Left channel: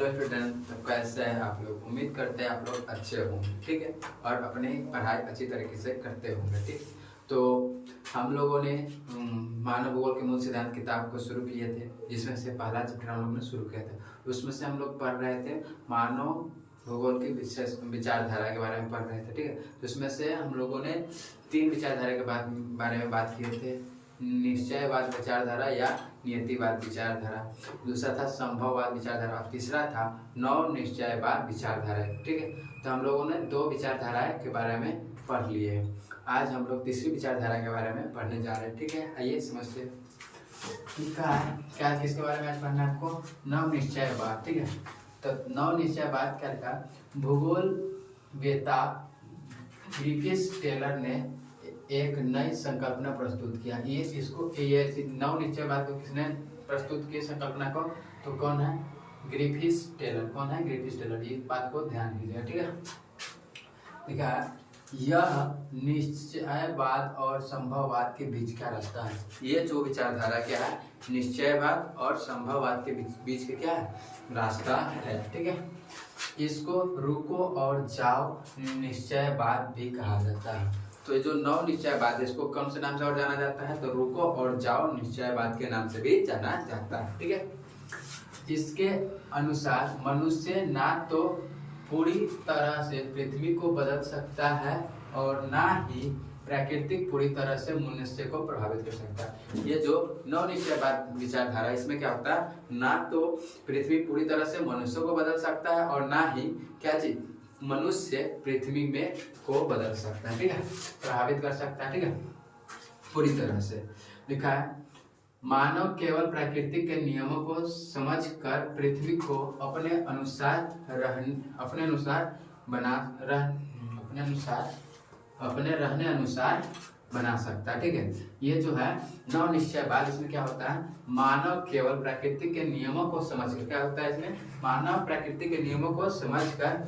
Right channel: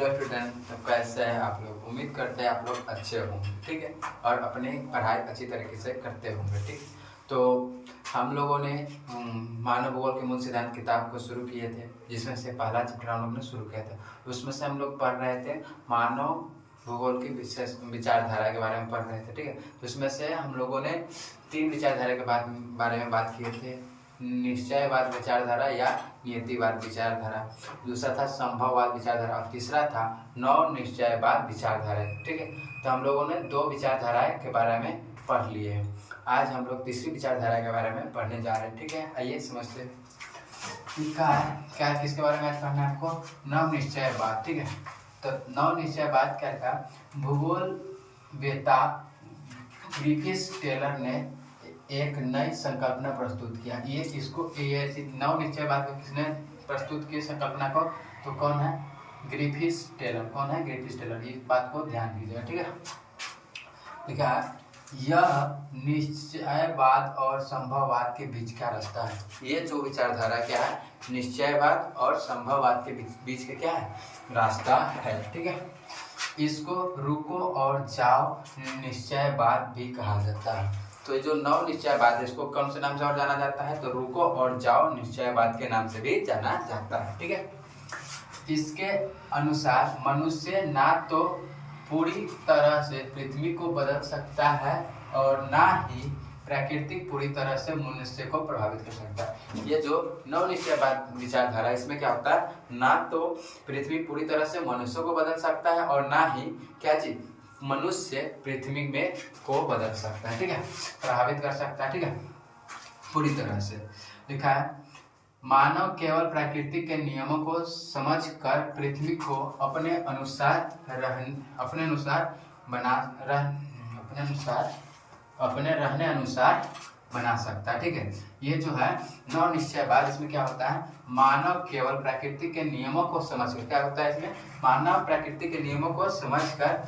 Hello student, तो कैसे हैं आप लोग। उम्मीद करते हैं आप लोग अच्छे होंगे, ठीक है, और अपनी पढ़ाई अच्छी तरीके से करते होंगे, ठीक। तो हम लोगों ने मानव भूगोल के मूल सिद्धांत किताब को शुरू किए थे, जिसमें से पहला चैप्टर हम लोग ने शुरू किया था। उसमें से हम लोग पढ़ रहे थे मानव भूगोल की विशेष विचारधारा के बारे में पढ़ रहे थे, ठीक है। तो उसमें से हम लोगों ने 3 विचारधारा के बारे में बात किए थे। निश्चयवाद विचारधारा या नियतिवाद विचारधारा, दूसरा था संभववाद विचारधारा और तीसरा था नव निश्चयवाद विचारधारा, ठीक है। तो हम लोगों ने 2 विचारधाराएं के बारे में पढ़ लिए हैं। आज हम लोग तीसरी विचारधारा के बारे में पढ़ने जा रहे हैं, ठीक है। आइए समझते हैं क्या किसके बारे में आज पढ़ना है आपको। नव निश्चयवाद, ठीक है। तो नव निश्चयवाद क्या था, भूगोल वेता ग्रिफिथ टेलर ने एक नई संकल्पना प्रस्तुत किया। ये इसको नव निश्चयवाद को किसने प्रस्तुत किया संकल्पना को, तो कौन है, ग्रिफिथ टेलर। कौन है, ग्रिफिथ टेलर। इस बात को ध्यान दीजिएगा, ठीक है। देखा, यह निश्चयवाद और संभववाद के बीच का रास्ता है। ये जो विचारधारा क्या है, निश्चयवाद और संभववाद के बीच का क्या है, रास्ता है, ठीक है। इसको रुको और जाओ निश्चयवाद भी कहा जाता है। तो ये जो नव निश्चयवाद है, इसको कौन से नाम से और जाना जाता है, तो रुको और जाओ निश्चयवाद के नाम से भी जाना जाता है, ठीक है। इसके अनुसार मनुष्य ना तो पूरी तरह से पृथ्वी को बदल सकता है और ना ही प्रकृति पूरी तरह से मनुष्य को प्रभावित कर सकता है। ये जो नव निश्चयवाद विचारधारा है, इसमें क्या होता है, ना तो पृथ्वी पूरी तरह से मनुष्य को बदल सकता है और ना ही क्या चीज, मनुष्य पृथ्वी में को बदल सकता है, ठीक है, प्रभावित कर सकता है, ठीक है, पूरी तरह से। लिखा है, मानव केवल प्रकृति के नियमों को समझकर पृथ्वी को अपने रहने अनुसार बना सकता है, ठीक है। ये जो है नव निश्चयवाद, इसमें क्या होता है, मानव केवल प्रकृति के नियमों को समझकर, क्या होता है इसमें, मानव प्रकृति के नियमों को समझकर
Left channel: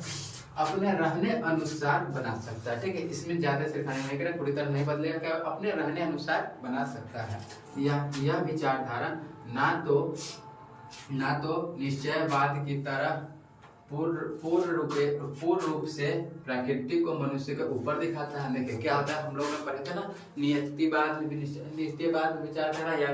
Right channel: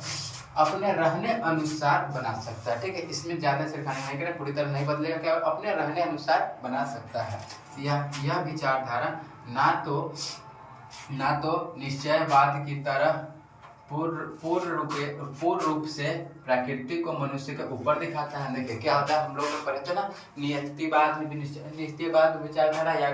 अपने रहने अनुसार बना सकता है, ठीक है। इसमें ज्यादा सिरखानी नहीं करें, पूरी तरह नहीं बदलेगा, क्या अपने रहने अनुसार बना सकता है। यह विचारधारा ना तो निश्चयवाद की तरह पूर्ण रूप से प्रकृति को मनुष्य के ऊपर दिखाता है। देखिए क्या होता है, हम लोग पढ़े थे ना, निश्चयवाद विचारधारा या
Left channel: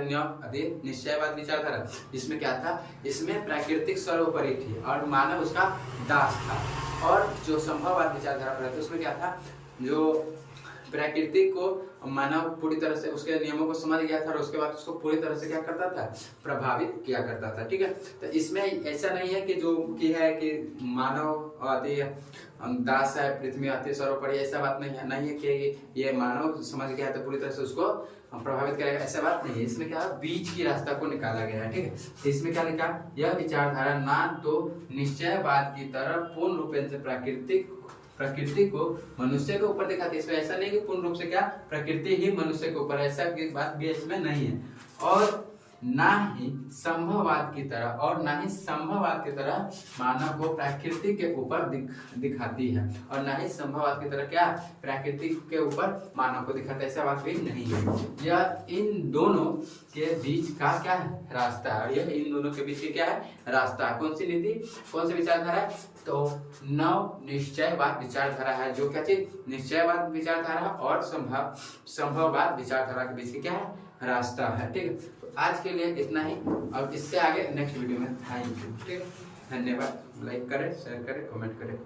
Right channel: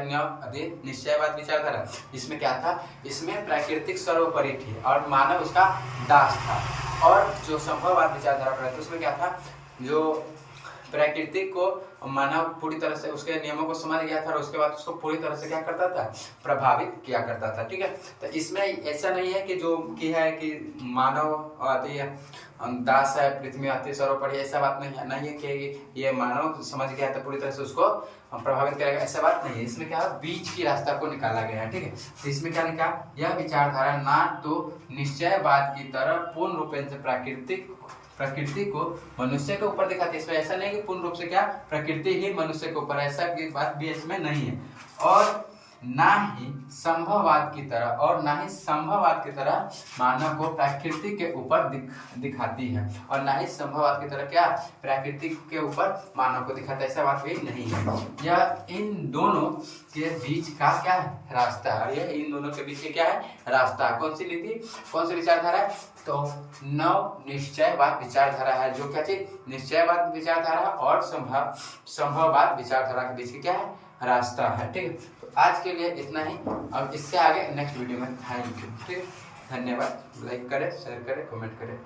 निश्चयवाद विचारधारा। इसमें क्या था, इसमें प्राकृतिक सर्वोपरि थी और मानव उसका दास था। और जो संभववाद विचारधारा पढ़े थे, उसमें क्या था, जो प्रकृति को मानव पूरी तरह से उसके नियमों को समझ गया था और उसके बाद उसको पूरी तरह से क्या करता था, प्रभावित किया करता था, ठीक है। तो इसमें ऐसा नहीं है कि जो की है कि मानव आती है दास है, पृथ्वी आती सर्वोपरि, ऐसा बात नहीं है कि ये मानव समझ गया है तो पूरी तरह से उसको प्रभावित करेगा, ऐसा बात नहीं है। इसमें क्या है, बीच की रास्ता को निकाला गया है, ठीक है। तो इसमें क्या लिखा, यह विचारधारा ना तो निश्चयवाद की तरह पूर्ण रूप से प्रकृति को मनुष्य के ऊपर दिखाती है। इसमें ऐसा नहीं कि पूर्ण रूप से क्या प्रकृति ही मनुष्य के ऊपर, ऐसा की बात भी इसमें नहीं है। और ना ही संभववाद की तरह मानव को प्रकृति के ऊपर दिखाती है और ना ही संभववाद की तरह क्या प्रकृति के ऊपर मानव को दिखाता है, ऐसा बात भी नहीं है। यह इन दोनों के बीच का क्या है, रास्ता है। यह इन दोनों के बीच क्या है, रास्ता। कौन सी नीति, कौन सी विचारधारा है, तो नव निश्चयवाद विचारधारा है। जो क्या चीज, निश्चयवाद विचारधारा और संभववाद विचारधारा के बीच क्या है, रास्ता है, ठीक है। तो आज के लिए इतना ही, अब इससे आगे नेक्स्ट वीडियो में थैंक यू, ठीक है। धन्यवाद। लाइक करें, शेयर करें, कमेंट करें।